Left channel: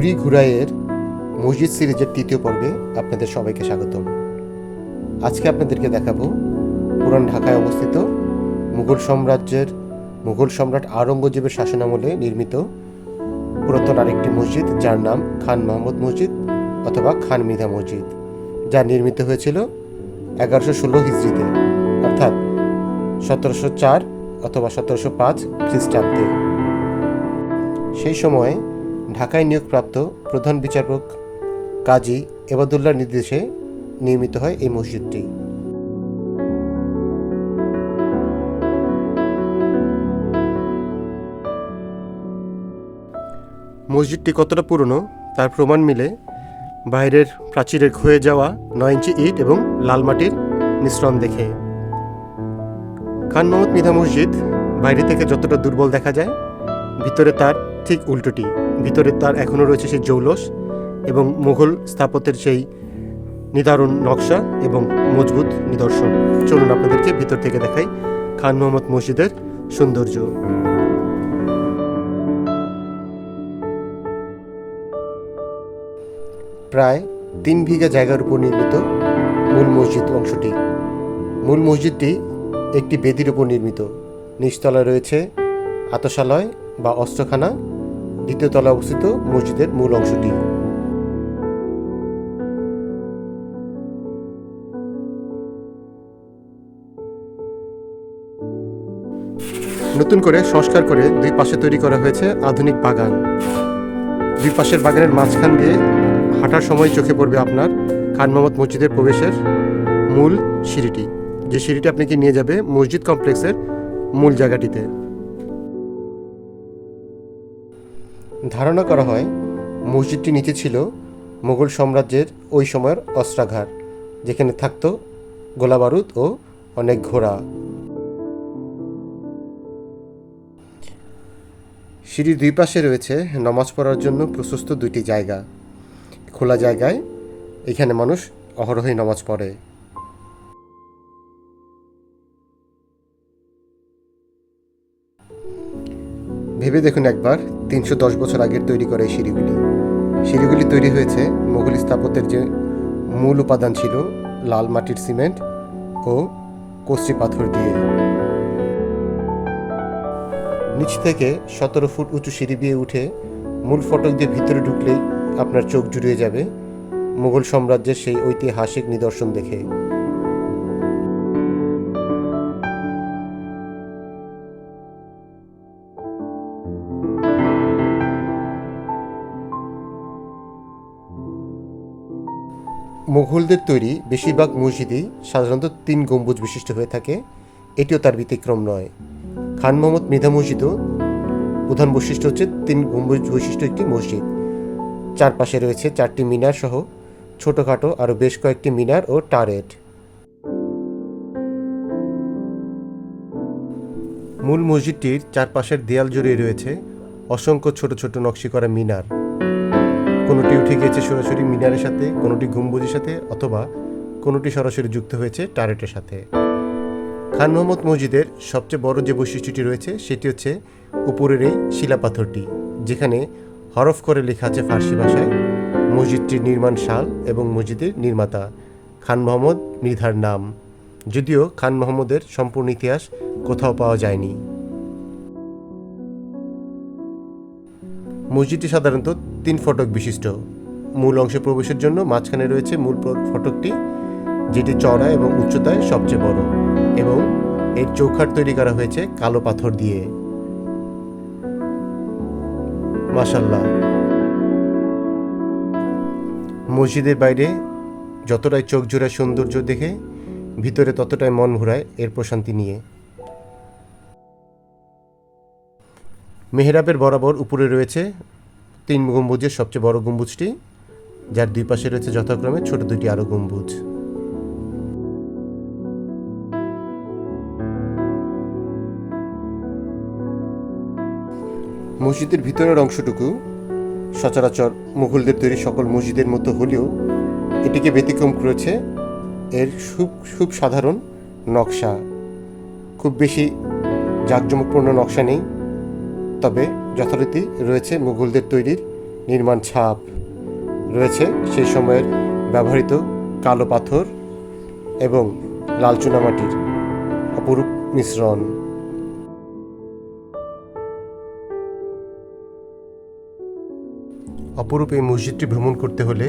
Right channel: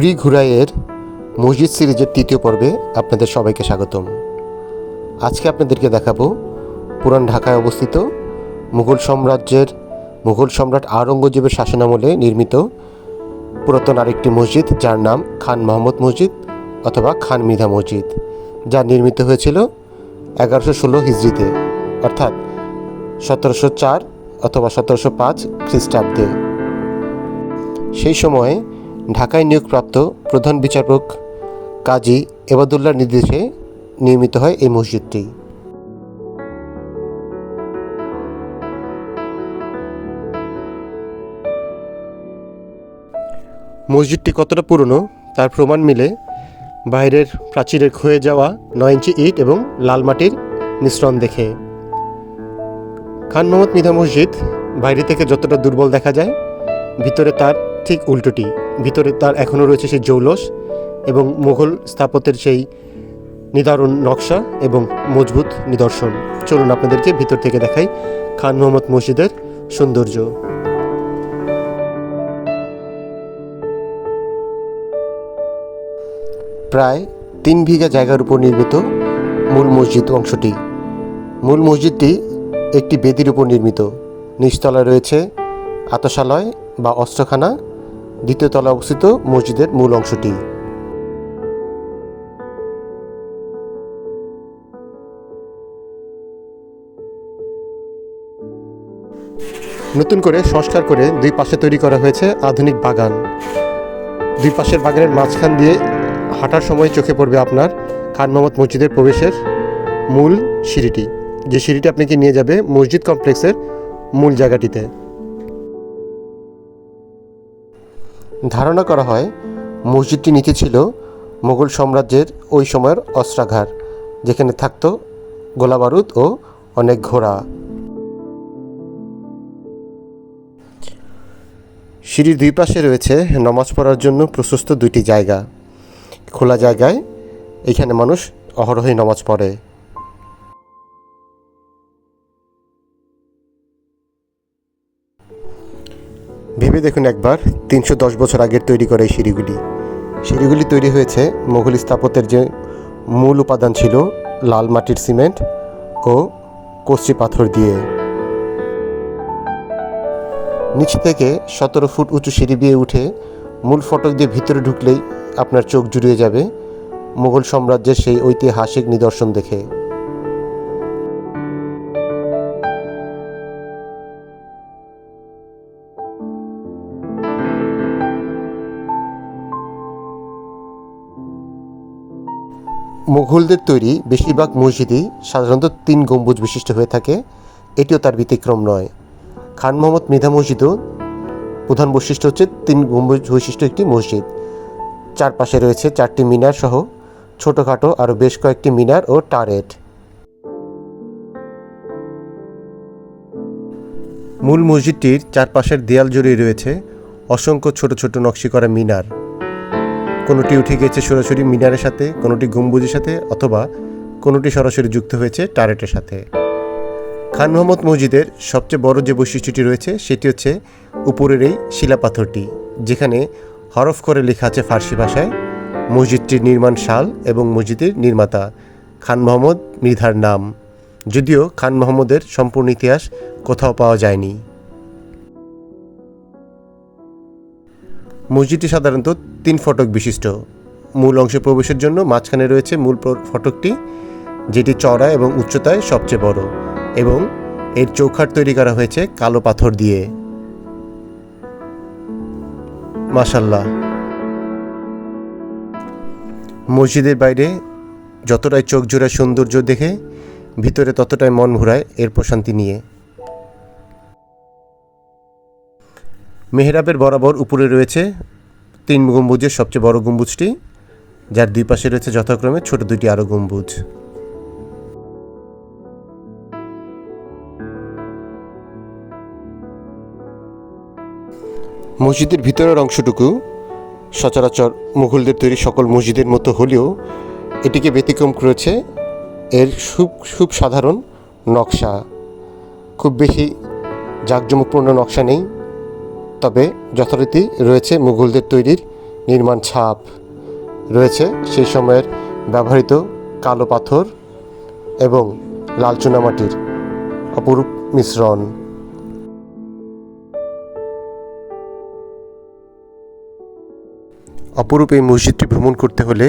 ঘুরি ঘুরাইয়ের মসজিদ সিরিজের তৃতীয় পর্বে আপনাদের সবাইকে স্বাগতম। আজকে আপনাদেরকে দেখাবো পুরান ঢাকায় অবস্থিত মুঘল সাম্রাজ্যের, মুঘল সম্রাট আওরঙ্গজেবের শাসনামলে নির্মিত পুরাতন আরেকটি মসজিদ, যার নাম খান মোহাম্মদ মসজিদ অথবা খান মিধা মসজিদ, যা নির্মিত হয়েছিল এগারোশো ষোলো হিজড়িতে, অর্থাৎ সতেরোশো চার অথবা সতেরোশো পাঁচ খ্রিস্টাব্দে। সেই সময়ে ঢাকায় নিয়োগপ্রাপ্ত প্রধান বিচারক কাজী এবাদুল্লার নির্দেশে নির্মিত হয় এই মসজিদটি। মসজিদটি কতটা পুরনো তার প্রমাণ মিলে বাইরের প্রাচীরের ক্ষয়ে যাওয়া নয় ইঞ্চি ইট এবং লাল মাটির মিশ্রণ দেখে। খান মোহাম্মদ মিধা মসজিদ বাইরে থেকে যতটা দুর্বল দেখা যায়, ভিতরে তার ঠিক উল্টোটি। ভিতরে তার এখনও রয়েছে সেই জৌলস এবং মুঘল স্থাপত্যের সেই নিদারুণ নকশা এবং মজবুত নিদর্শন। চলুন আপনাদেরকে ভিতর থেকে দেখাই খান মোহাম্মদ মসজিদের সৌন্দর্য। প্রায় তিন বিঘা জায়গার উপর নির্মিত মূল মসজিদ অংশটি। মূল মসজিদটি একটি বেদির উপর নির্মিত। নিচতলায় রয়েছে আতশালয় বা অস্ত্রখানা দ্বিতীয় তলায় অবস্থিত মসজিদের মূল অংশটি। নতুন করে সংস্কার করে দুই পাশে তৈরি করা হয়েছে আধুনিক বাগান। দুই পাশের বাগানের মাঝখান দিয়ে হাঁটার সময় চোখে পড়বে আপনার খান মোহাম্মদ মসজিদের প্রবেশের মূল সিঁড়িটি। যে সিঁড়িটি আপনাকে নিয়ে যাবে মসজিদ কমপ্লেক্সের মূল জায়গাটিতে। ধারণা করা হয়, মসজিদটি নিচে ছিল মোগল সাম্রাজ্যের ওই সময়ের অস্ত্রাঘার যেখানে থাকতো গোলাবারুদ ও অনেক ঘোড়া। সিঁড়ির দুই পাশে রয়েছে নামাজ পড়ার জন্য প্রশস্ত দুইটি জায়গা। খোলা জায়গায় এখানে মানুষ অহরহই নামাজ পড়ে। ভেবে দেখুন একবার, তিনশো দশ বছর আগের তৈরি করা এই সিঁড়িগুলি। সিঁড়িগুলি তৈরি হয়েছে মোগল স্থাপত্যের যে মূল উপাদান ছিল লাল মাটির সিমেন্ট ও কচি পাথর দিয়ে। নিচ থেকে সতেরো ফুট উঁচু সিঁড়ি দিয়ে উঠে মূল ফটক দিয়ে ভিতরে ঢুকলেই আপনার চোখ জুড়িয়ে যাবে মুঘল সাম্রাজ্যের সেই ঐতিহাসিক নিদর্শন দেখে। মুঘলদের তৈরি বেশিরভাগ মসজিদই সাধারণত তিন গম্বুজ বিশিষ্ট হয়ে থাকে। এটিও তার ব্যতিক্রম নয়। খান মোহাম্মদ মৃধা মসজিদও প্রধান বৈশিষ্ট্য হচ্ছে তিন গম্বুজ বৈশিষ্ট্য একটি মসজিদ। চারপাশে রয়েছে চারটি মিনার সহ ছোটোখাটো আরও বেশ কয়েকটি মিনার ও টারেট। মূল মসজিদটির চারপাশের দেয়াল জুড়ে রয়েছে অসংখ্য ছোট ছোট নকশি করা মিনার। কোনোটি উঠে গেছে সরাসরি মিনারের সাথে, কোনোটি গম্বুজের সাথে অথবা কোনোটি সরাসরি যুক্ত হয়েছে টারেটের সাথে। খান মোহাম্মদ মসজিদের সবচেয়ে বড় যে বৈশিষ্ট্যটি রয়েছে, সেটি হচ্ছে উপরের এই শিলাপাথরটি, যেখানে হরফ করে লেখা আছে ফার্সি ভাষায়, মসজিদটির নির্মাণ সাল এবং মসজিদের নির্মাতা খান মোহাম্মদ মৃধার নাম। যদিও খান মোহাম্মদের সম্পূর্ণ ইতিহাস কোথাও পাওয়া যায়নি। মসজিদটি সাধারণত তিন ফটক বিশিষ্ট। মূল অংশে প্রবেশের জন্য মাঝখানে রয়েছে মূল ফটকটি, যেটি চওড়া এবং উচ্চতায় সবচেয়ে বড় এবং এর চৌখাট তৈরি করা হয়েছে কালো পাথর দিয়ে। মাশাল্লাহ মসজিদের বাইরে যতটাই চোখ জোড়ায় সৌন্দর্য দেখে, ভিতরে ততটাই মন ভরায় এর প্রশান্তি নিয়ে। মেহরাবের বরাবর উপরে রয়েছে তিন গম্বুজের সবচেয়ে বড় গম্বুজটি, যার দুই পাশে রয়েছে যথাক্রমে ছোট দুইটি আরও গম্বুজ। মসজিদের ভিতরের অংশটুকু সচরাচর মুঘলদের তৈরি সকল মসজিদের মতো হলেও এটিকে ব্যতিক্রম করেছে এর খুব খুব সাধারণ নকশা। খুব বেশি জাঁকজমকপূর্ণ নকশা নেই। তবে যথারীতি রয়েছে মুঘলদের তৈরির নির্মাণ ছাপ। রয়েছে সেই সময়ের ব্যবহৃত কালো পাথর এবং লাল চুনামাটির অপরূপ মিশ্রণ। অপরূপ এই মসজিদটি ভ্রমণ করতে হলে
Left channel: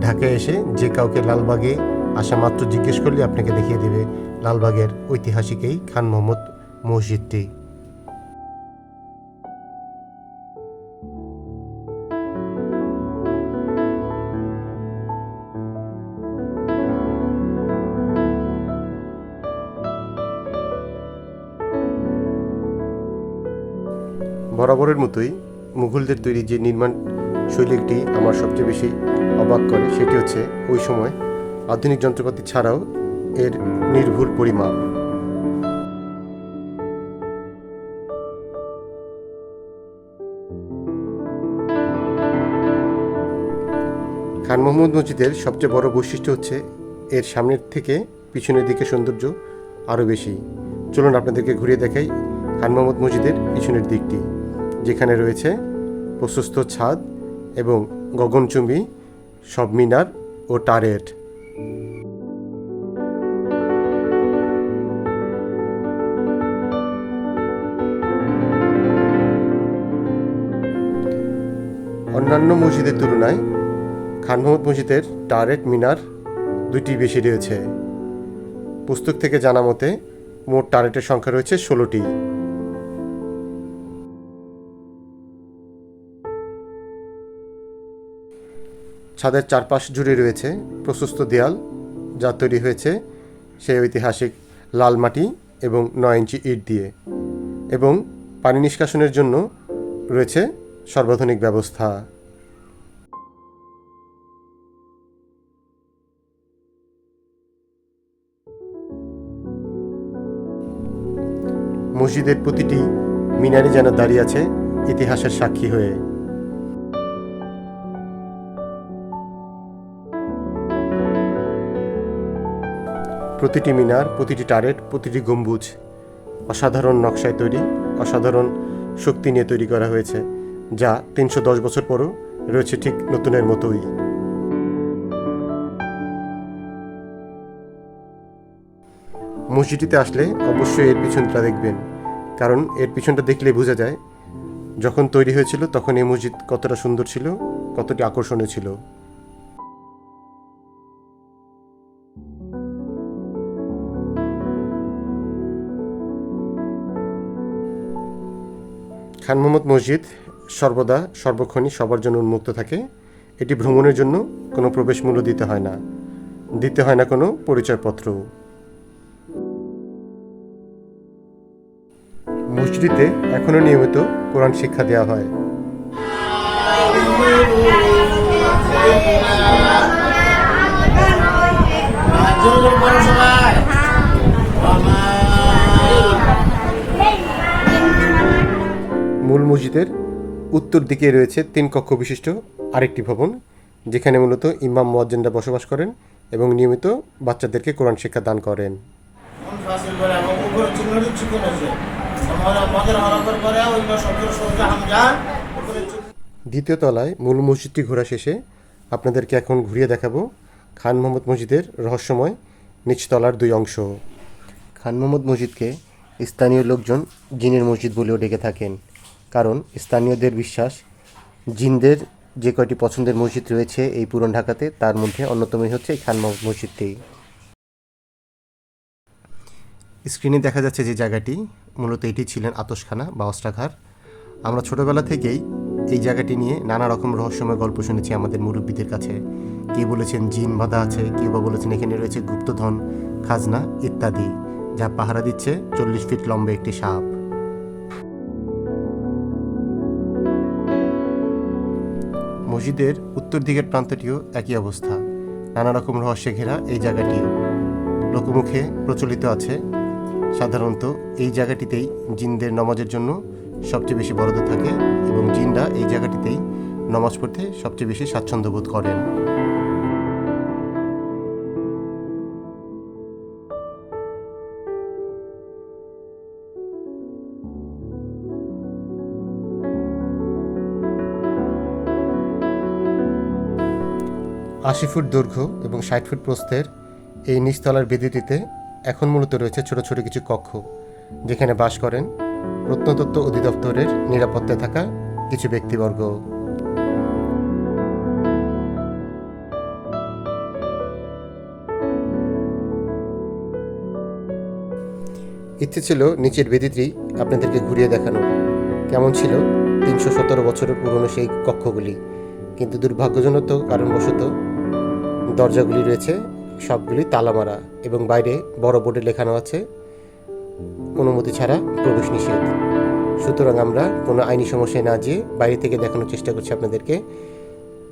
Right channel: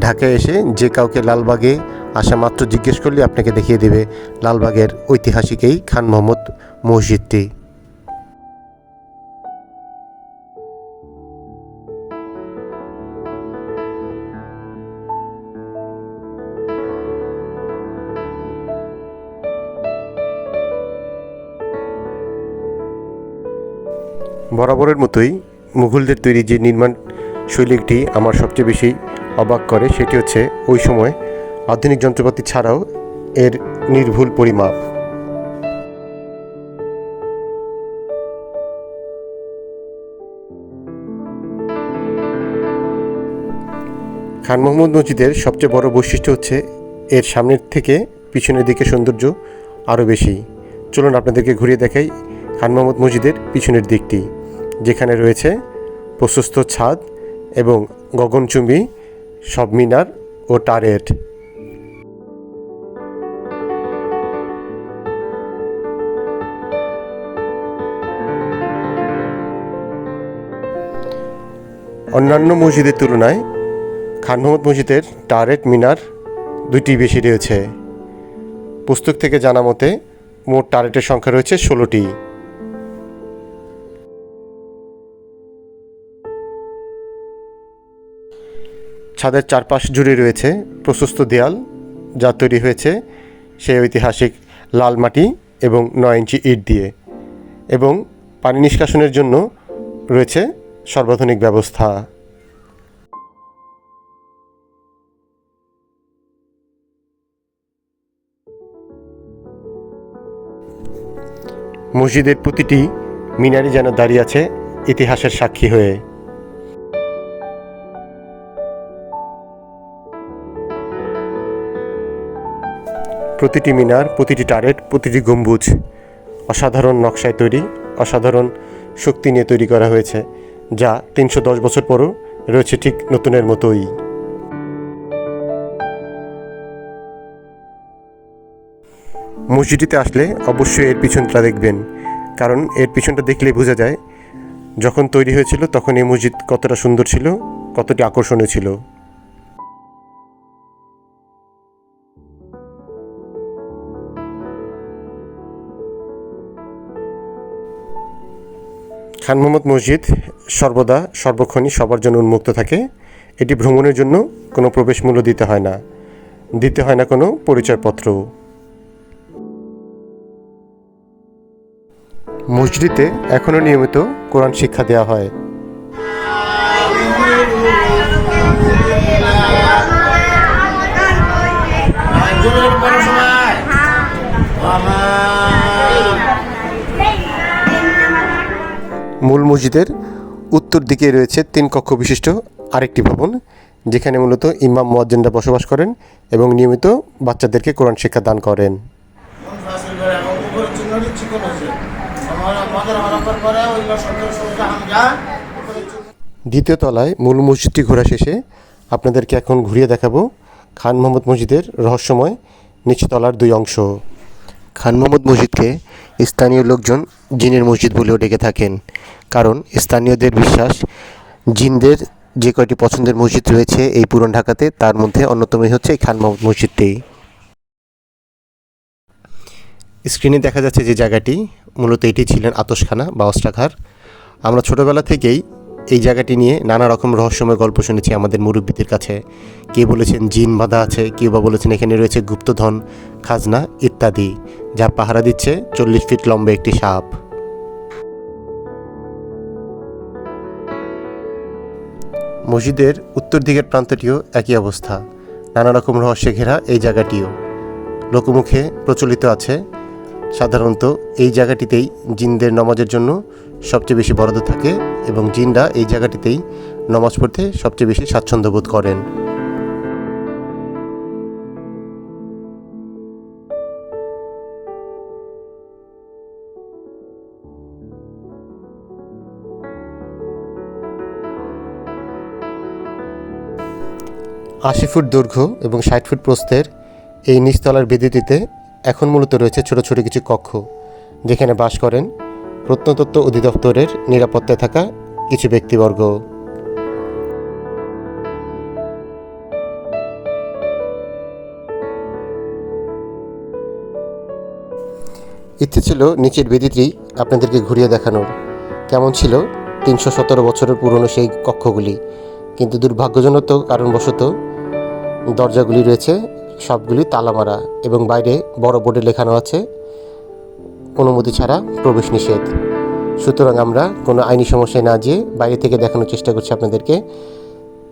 ঢাকায় এসে যে কাউকে লালবাগে আসা মাত্র জিজ্ঞেস করলে আপনাকে দেখিয়ে দেবে লালবাগের ঐতিহাসিক এই খান মোহাম্মদ মসজিদটি। বরাবরের মতোই মুঘলদের তৈরি যে নির্মাণ শৈলীটি আমার সবচেয়ে বেশি অবাক করে, সেটি হচ্ছে ওই সময় আধুনিক যন্ত্রপাতি ছাড়াও এর নির্ভুল পরিমাপ। খান মোহাম্মদ মসজিদের সবচেয়ে বড় বৈশিষ্ট্য হচ্ছে এর সামনের থেকে পিছনের দিকে সৌন্দর্য আরও বেশি। চলুন আপনাদেরকে ঘুরিয়ে দেখাই খান মোহাম্মদ মসজিদের পিছনের দিকটি। যেখানে রয়েছে প্রশস্ত ছাদ এবং গগনচুম্বী, সব মিনার ও টারেট অন্যান্য মসজিদের তুলনায় খান মোহাম্মদ মসজিদের টারেট মিনার দুইটি বেশি রয়েছে। পুস্তক থেকে জানা মতে, মোট টারেটের সংখ্যা রয়েছে ষোলোটি। ছাদের চারপাশ জুড়ে রয়েছে প্রশস্ত দেয়াল যা তৈরি হয়েছে সেই ঐতিহাসিক লাল মাটি এবং নয় ইঞ্চি ইট দিয়ে এবং পানি নিষ্কাশনের জন্য রয়েছে সর্বাধুনিক ব্যবস্থা। মসজিদের প্রতিটি মিনারে যেন দাঁড়িয়ে আছে ইতিহাসের সাক্ষী হয়ে। প্রতিটি মিনার, প্রতিটি টারেট, প্রতিটি গম্বুজ অসাধারণ নকশায় তৈরি, অসাধারণ শক্তি নিয়ে তৈরি করা হয়েছে, যা তিনশো দশ বছর পরও রয়েছে ঠিক নতুনের মতোই। মসজিদটিতে আসলে অবশ্যই এর পিছনটা দেখবেন, কারণ এর পিছনটা দেখলেই বোঝা যায়, যখন তৈরি হয়েছিল তখন এই মসজিদ কতটা সুন্দর ছিল, কতটি আকর্ষণীয় ছিল। খান মোহাম্মদ মসজিদ সর্বদা, সর্বক্ষণই সবার জন্য উন্মুক্ত থাকে। এটি ভ্রমণের জন্য কোনো প্রবেশ মূল্য দিতে হয় না। দিতে হয় না কোনো পরিচয়পত্র। মসজিদে এখনও নিয়মিত কোরআন শিক্ষা দেওয়া হয়। জমির মূল মসজিদের উত্তর দিকে রয়েছে তিন কক্ষ বিশিষ্ট আরেকটি ভবন যেখানে মূলত ইমাম মোয়াজ্জেনরা বসবাস করেন এবং নিয়মিত বাচ্চাদেরকে কোরআন শিক্ষা দান করেন। দ্বিতীয় তলায় মূল মসজিদটি ঘোরা শেষে আপনাদেরকে এখন ঘুরিয়ে দেখাবো খান মোহাম্মদ মসজিদের রহস্যময় নিচতলার দুই অংশ। খান মোহাম্মদ মসজিদকে স্থানীয় লোকজন জিনের মসজিদ বলেও ডেকে থাকেন। কারণ স্থানীয়দের বিশ্বাস, জিনদের যে কয়টি পছন্দের মসজিদ রয়েছে এই পুরন ঢাকাতে, তার মধ্যে অন্যতমই হচ্ছে এই খান মোহাম্মদ মসজিদটি। স্ক্রিনে দেখা যাচ্ছে যে জায়গাটি, মূলত এটি ছিলেন আতসখানা বা অস্ত্রাঘার আমরা ছোটবেলা থেকেই এই জায়গাটি নিয়ে নানা রকম রহস্যময় গল্প শুনেছি আমাদের মুরব্বীদের কাছে। কে বলেছেন জিন বাঁধা আছে, কেউ বা বলেছেন এখানে রয়েছে গুপ্তধন, খাজনা ইত্যাদি, যা পাহারা দিচ্ছে চল্লিশ ফিট লম্বা একটি সাপ। মসজিদের উত্তর দিকের প্রান্তটিও একই অবস্থা। নানা রকম রহস্যে ঘেরা এই জায়গাটিও। লোকমুখে প্রচলিত আছে। সাধারণত এই জায়গাটিতেই জিনদের নমাজের জন্য সবচেয়ে বেশি বরাদ্দ থাকে এবং জিনরা এই জায়গাটিতেই নমাজ পড়তে সবচেয়ে বেশি স্বাচ্ছন্দ্য বোধ করেন। আশি ফুট দৈর্ঘ্য এবং ষাট ফুট প্রস্থের এই নিচতলার বেদিটিতে এখন মূলত রয়েছে ছোট ছোট কিছু কক্ষ, যেখানে বাস করেন প্রত্নতত্ত্ব অধিদপ্তরের নিরাপত্তায় থাকা কিছু ব্যক্তিবর্গ। ইচ্ছে ছিল নিচের বেদিটি আপনাদেরকে ঘুরিয়ে দেখানোর। কেমন ছিল তিনশো সতেরো বছরের পুরনো সেই কক্ষগুলি? কিন্তু দুর্ভাগ্যজনক কারণবশত দরজাগুলি রয়েছে, সবগুলি তালা মারা এবং বাইরে বড় বোর্ডে লেখানো আছে, অনুমতি ছাড়া প্রবেশ নিষেধ। সুতরাং আমরা কোনো আইনি সমস্যায় না যেয়ে বাইরে থেকে দেখানোর চেষ্টা করছি আপনাদেরকে।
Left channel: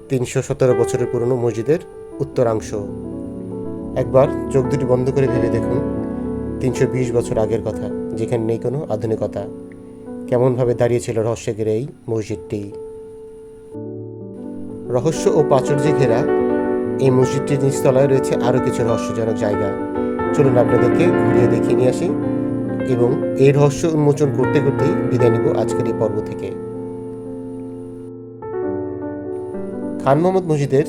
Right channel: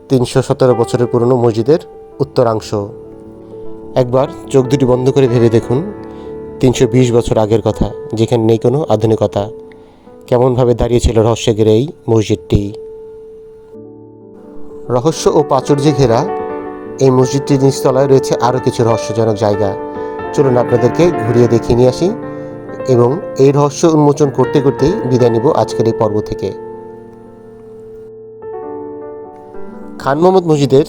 তিনশো সতেরো বছরের পুরনো মসজিদের উত্তরাংশ। একবার চোখ দুটি বন্ধ করে ভেবে দেখুন, তিনশো বিশ বছর আগের কথা, যেখানে নেই কোনো আধুনিকতা। কেমনভাবে দাঁড়িয়েছিল রহস্য ঘেরে এই মসজিদটি? রহস্য ও প্রাচুর্যে ঘেরা এই মসজিদটির নিচতলায় রয়েছে আরও কিছু রহস্যজনক জায়গা। চলুন আপনাদেরকে ঘুরিয়ে দেখিয়ে নিয়ে আসি এবং এই রহস্য উন্মোচন করতে করতেই বিদায় নিব আজকের এই পর্ব থেকে। খান মোহাম্মদ মসজিদের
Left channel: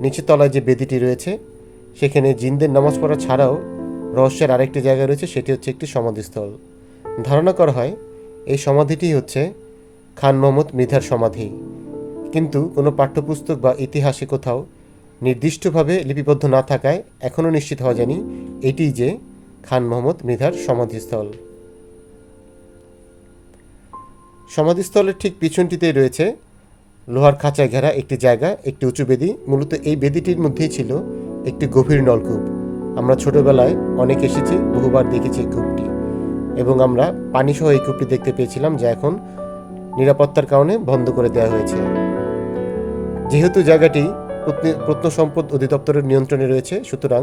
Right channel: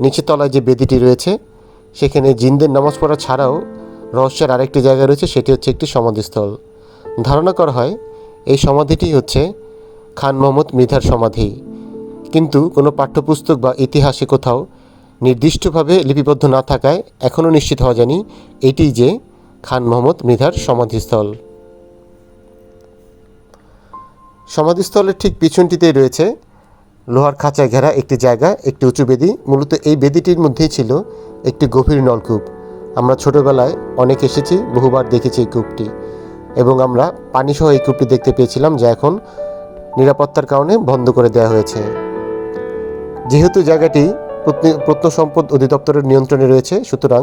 নিচের তলায় যে বেদিটি রয়েছে, সেখানে জিনদের নামাজ পড়া ছাড়াও রহস্যের আরেকটি জায়গা রয়েছে, সেটি হচ্ছে একটি সমাধিস্থল। ধারণা করা হয়, এই সমাধিটি হচ্ছে খান মোহাম্মদ মৃধার সমাধি। কিন্তু কোনো পাঠ্যপুস্তক বা ইতিহাসে কোথাও নির্দিষ্টভাবে লিপিবদ্ধ না থাকায় এখনও নিশ্চিত হওয়া যায়নি এটি যে খান মোহাম্মদ মৃধার সমাধিস্থল। সমাধিস্থলের ঠিক পিছনটিতেই রয়েছে লোহার খাঁচায় ঘেরা একটি জায়গা, একটি উঁচু বেদি। মূলত এই বেদিটির মধ্যেই ছিল একটি গভীর নলকূপ। আমরা ছোটবেলায় অনেক এসেছি, বহুবার দেখেছি এই কূপটি। এবং আমরা পানিসহ এই কূপটি দেখতে পেয়েছিলাম, যা এখন নিরাপত্তার কারণে বন্ধ করে দেওয়া হয়েছে। যেহেতু জায়গাটি প্রত্নসম্পদ অধিদপ্তরের নিয়ন্ত্রণে রয়েছে। সুতরাং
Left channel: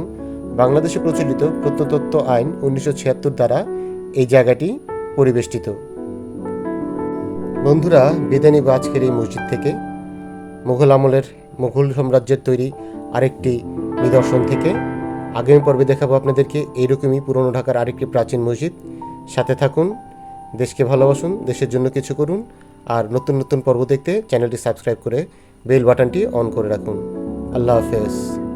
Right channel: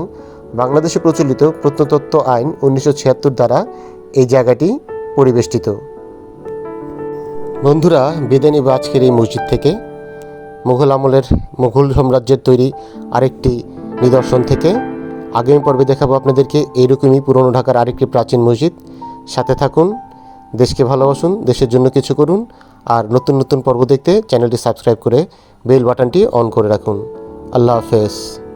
বাংলাদেশে প্রচলিত প্রত্নতত্ত্ব আইন উনিশশো ছিয়াত্তর দ্বারা এই জায়গাটি পরিবেষ্টিত। বন্ধুরা বিদায় নিব আজকের এই মসজিদ থেকে, মুঘল আমলের মুঘল সাম্রাজ্যের তৈরি আরেকটি নিদর্শন থেকে, আগামী পর্বে দেখাবো আপনাদেরকে এইরকমই পুরনো ঢাকার আরেকটি প্রাচীন মসজিদ। সাথে থাকুন, দেশকে ভালোবাসুন, দেশের জন্য কিছু করুন, আর নতুন নতুন পর্ব দেখতে চ্যানেলটি সাবস্ক্রাইব করে বেল বাটনটি অন করে রাখুন। আল্লাহ হাফেজ।